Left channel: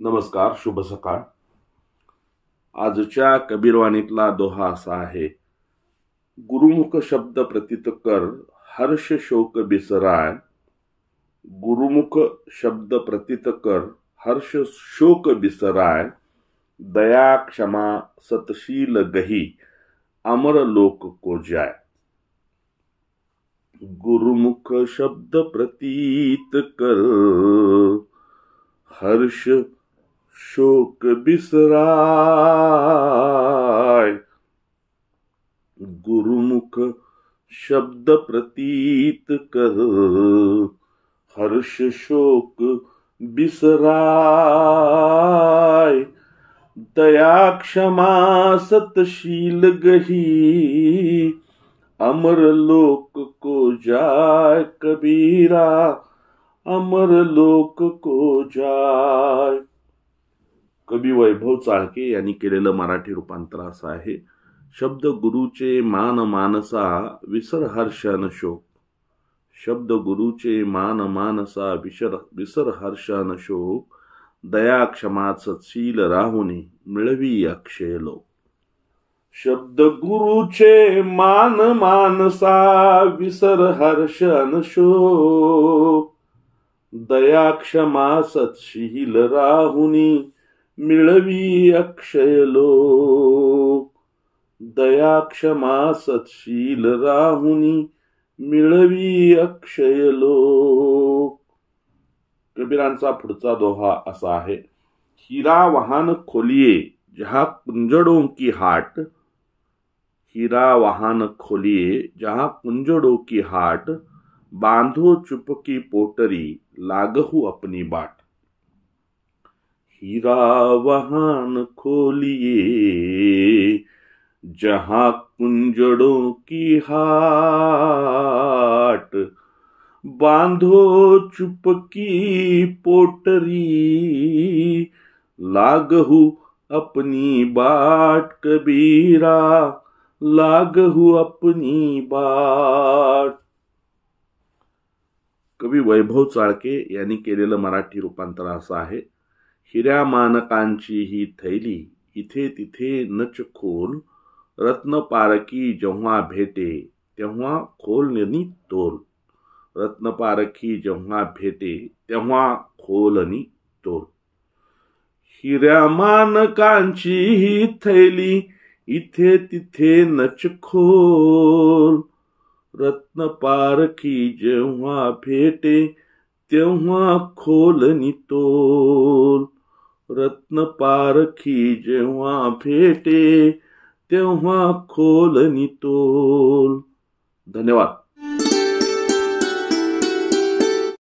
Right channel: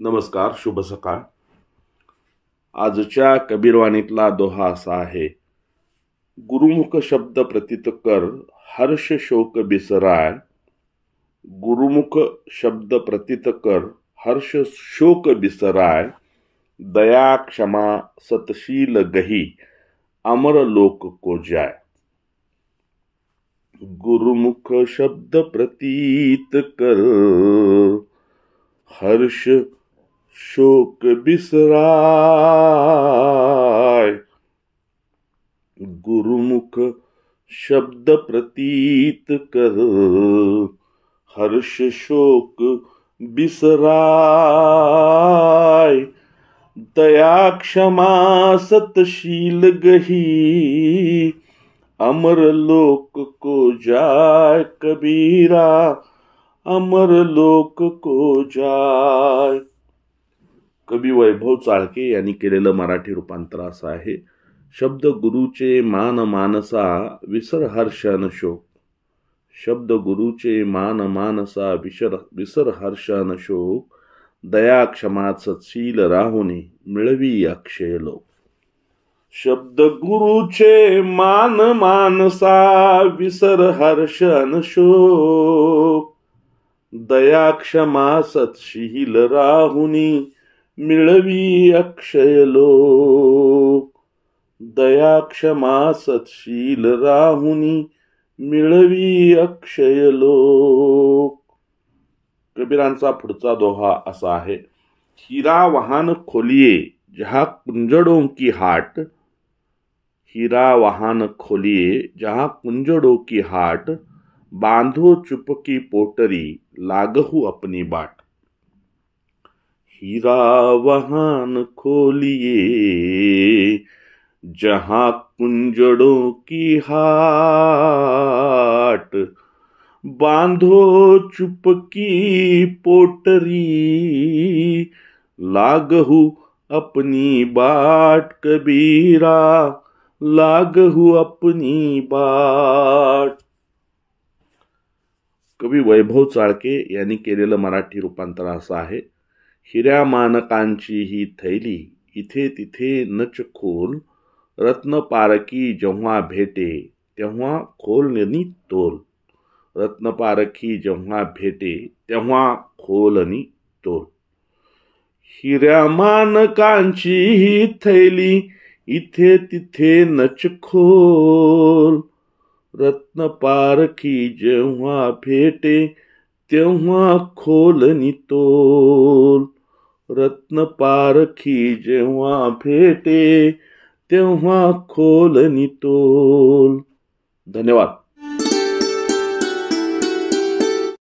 नमस्कार, शुभ सकाळ. आजच्या कबीरवाणीतला दोहा असा आहे, गुरुमुख शब्द प्रतीत कर, हर्ष शोक बिसराय. गुरुमुख शब्द प्रतीत कर, हर्ष शोक बिसराय. दया क्षमा सतशील गही, अमर लोक को जाय. गुरुमुख शब्द प्रतीत कर, हर्ष शोक बिसराय. गुरुमुख शब्द प्रतीत कर, हर्ष शोक बिसराय. दया क्षमा सतशील गही, अमर लोक को जाय. कबीरा अमर लोक को जाय. कवी वैभव चाळके यांनी केलेलं मराठी रूपांतर असं आहे, शब्द गुरुचे मान मानसा, विसर हर्ष अन शोक. शब्द गुरुचे मान मानसा, विसर हर्ष अन शोक. दया क्षमा सतशील राहुनी, मिळवी अक्षय लोक. शब्द गुरुचे मान मानसा, विसर हर्ष अन शोक. दया क्षमा सतशील राहुनी, मिळवी अक्षय लोक. दया क्षमा सतशील राहुनी, मिळवी अक्षय लोक. कबीरांचा पुढचा दोहा असा आहे, हिरा वाहन खोलिये जहाँ कुंजड़ों की हाट. हीरा वाहन खोलिए जहाँ कुंजड़ों की हाट. बांधो चुपकी पोटरी, लागहु अपनी बाट. हीरा वाहन खोलिए जहाँ कुंजड़ों की हाट. बांधो चुपकी पोटरी, लागहु अपनी बाट. कबीरा लागहु अपनी बाट. कवी वैभव चाळके यांनी केलेलं मराठी रूपांतर असं आहे, हिऱ्या मानकांची ही थैली, इथे तिथे नच खोल. रत्न पारखी जेव्हा भेटे, तेव्हा खोलनी तोल. रत्न पारखी जेव्हा भेटे, तेव्हा खोलनी तोल. हिऱ्या मानकांची ही थैली, इथे तिथे नच खोल. रत्न पारखी जेव्हा भेटे, तेव्हा खोलनी तोल. रत्न पारखी जेव्हा भेटे, तेव्हा खोलनी तोल. धन्यवाद.